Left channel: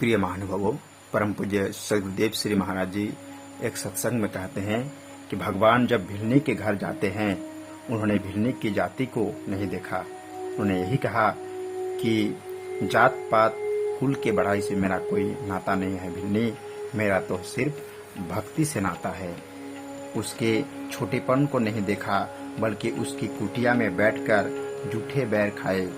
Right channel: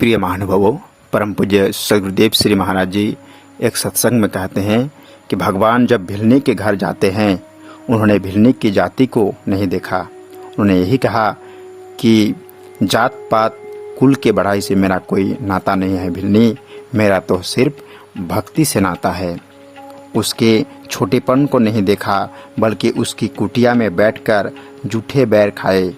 प्रिय महानुभावों, परम पूज्य सदगुरुदेव श्री महाराज जी एक सत्संग में कहते हैं कि भगवान जब भिलनी के घर जाते हैं, उन्होंने भिलनी की जाति को नहीं देखा। उन्होंने यही कहा कि जात पात कुल के बढ़ाई से मेरा कोई नाता नहीं है भिलनी, मेरा तो सिर्फ भक्ति से नाता है। उसके छोटेपन को नहीं देखा, बल्कि उसकी कुटिया में बैठकर जूठे बैर खाए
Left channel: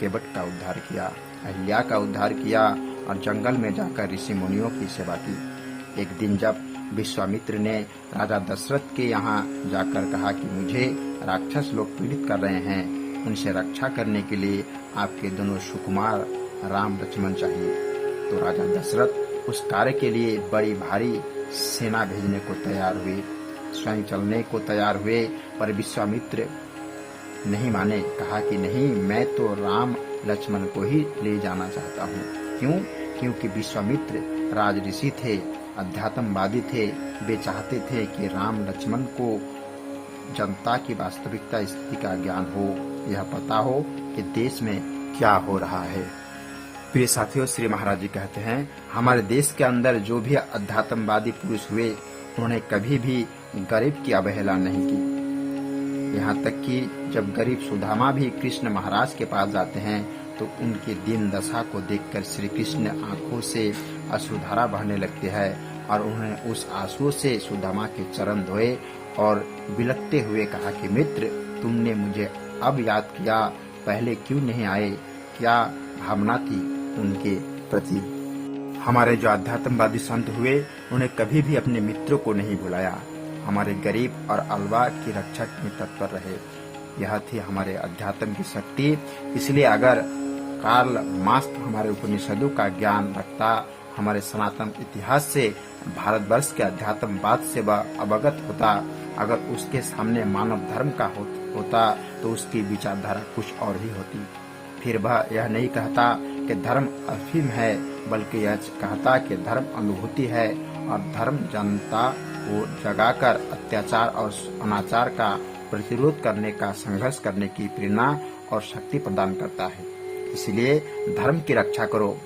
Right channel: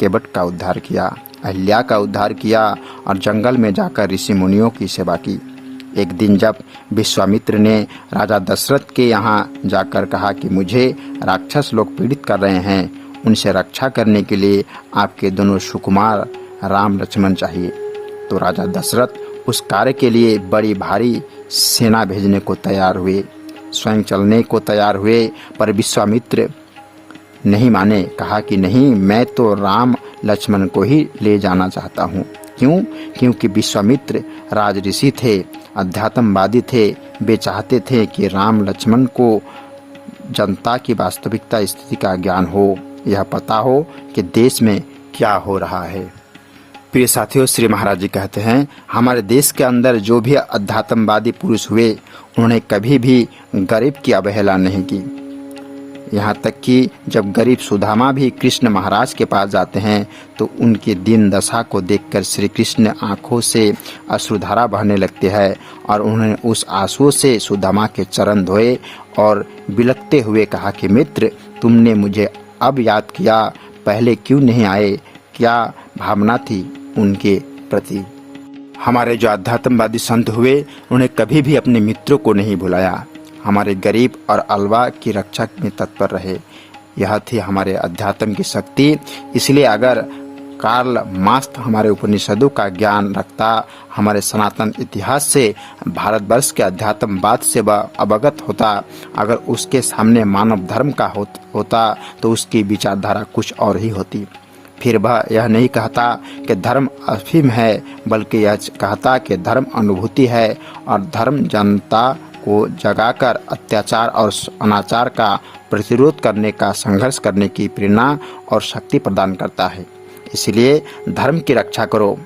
केवट का उद्धार किया, अहिल्या का उद्धार किया और जंगल में जाकर ऋषि मुनियों की सेवा की। एक दिन जब विश्वामित्र ने राजा दशरथ के यहाँ जाकर कहा कि मुझे राक्षस लोग पीड़ित कर रहे हैं, उनसे रक्षा करने के लिए आपके दोनों सुकुमार राम लक्ष्मण चाहिए, तो राजा दशरथ उस कार्य के लिए बड़ी भारी सेना भेजने को तैयार हुए, स्वयं चलने को तैयार हुए। पर विश्वामित्र नहीं माने, कहा कि नहीं, मैं तो राम लक्ष्मण को ही ले जाना चाहता हूँ। क्यों? क्योंकि विश्वामित्र राज ऋषि थे, अध्यात्मवादी थे। वे चाहते थे कि राम लक्ष्मण को जनता की वास्तविकता स्थिति का ज्ञान हो, यह पता हो कि देश में क्या हो रहा है। प्रिय साथियों, श्री महाराज जी कहते हैं, हमारे देश के अंदर जो भी अध्यात्मवादी पुरुष हुए, उन्होंने कभी भी गरीब की अवहेलना नहीं की। यहाँ तक कि जब गरीब सुदामा भी कृष्ण महाराज के पास जाते हैं, तो उनकी दीन दशा को देखकर श्री कृष्ण आंखों से अश्रुधारा बहने लगते हैं और उन्होंने उस आंसुओं से सुदामा के चरण धोए और बिलखते हुए कहा कि मित्र, तुमने मुझे अब याद किया, पहले क्यों नहीं आए? क्या भावना थी उनके प्रति। हमारे जो अध्यात्मवादी संत हुए, उन्हें कभी भी अपने मित्रों को नहीं भुलाया, हमारे गरीब और अलवा की रक्षा में तत्पर रहे। यह थी हमारे अध्यात्म की शक्ति। इसलिए अगर कार्ल मार्क्स हमारे उपनिषदों का ज्ञान रखता, हमारे सनातन इतिहास से, भारतवर्ष के अध्यात्मवाद से वह अवगत होता, अगर उसके सामने मानव धर्म का होता, तो उसकी विचारधारा कुछ और ही होती। फिर वह यह नहीं कहता कि धर्म अफीम है, बल्कि यह कहता कि धर्म अनुभूति है और धर्म जनता को जगाकर अत्याचार और अनाचार का प्रतिरोध करने का, संघर्ष करने की प्रेरणा और शक्ति प्रदान करता है। इसलिए धर्म की रक्षा करो।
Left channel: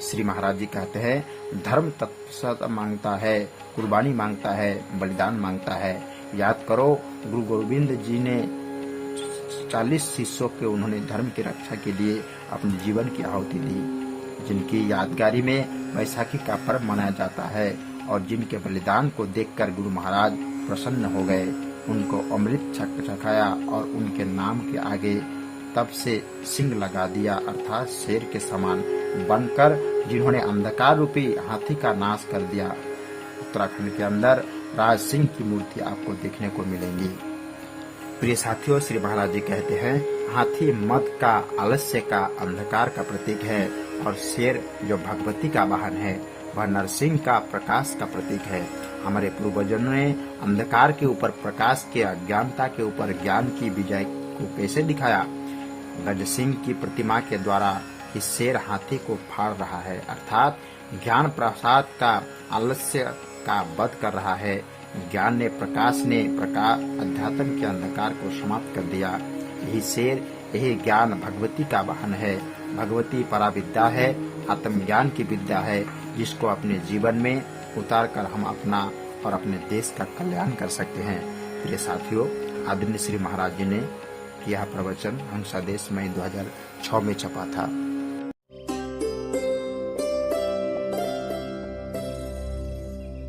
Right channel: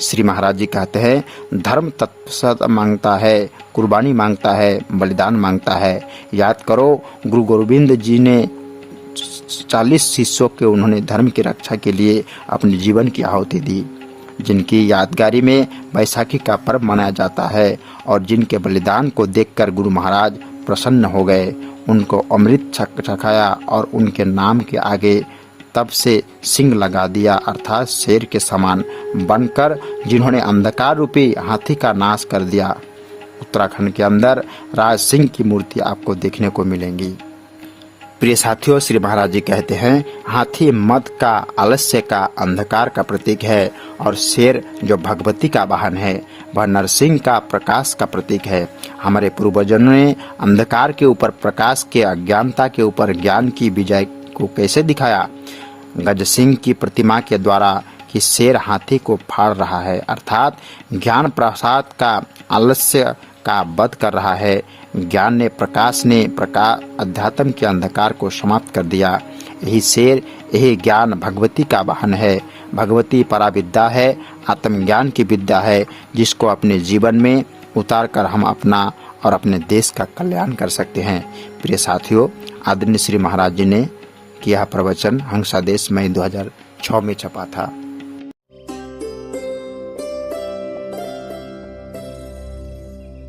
श्री महाराज जी कहते हैं, धर्म तत्सत मांगता है, कुर्बानी मांगता है, बलिदान मांगता है। याद करो, गुरु गोविंद जी ने 40 शिष्यों के उन्होंने धर्म की रक्षा के लिए अपने जीवन की आहुति दी, जिनकी यादगारी में बैसाखी का पर्व मनाया जाता है और जिनके बलिदान को देखकर गुरु महाराज प्रसन्न हो गए, उनको अमृत चखाया और उनके नाम के आगे तब से सिंह लगा दिया, अर्थात शेर के समान बनकर, जिन्होंने अंधकार रूपी हाथी का नाश कर दिया। उत्तराखंड के अंदर राज सिंह की मूर्ति आपको देखने को मिलेंगी। प्रिय साथियों, श्री महाराज जी कहते हैं, हाथी मद का, आलस्य का, अंधकार का प्रतीक है और शेर जो भगवती का वाहन है, वह नरसिंह का प्रकाश का प्रतीक है। हमारे पूर्वजों ने अंधकार के ऊपर प्रकाश के, अज्ञानता के ऊपर ज्ञान की विजय को कैसे दिखाया? गज सिंह की प्रतिमा के द्वारा कि शेर हाथी को फाड़ रहा है, अर्थात ज्ञान प्रसाद का, आलस्य का वध कर रहा है। ज्ञान ने, प्रकाश ने अध्यात्म के अंधकार को समाप्त कर दिया। यही शेर, यही ज्ञान भगवती का वाहन है। भगवती पराविद्या है, आत्मज्ञान की विद्या है, जिसको अपने जीवन में उतार कर हम अपना और अपने देश का कल्याण कर सकते हैं। प्रिय साथियों, आदरणीय श्री महाराज जी ने किया प्रवचन हंसादेश मई 2006 में छपा था।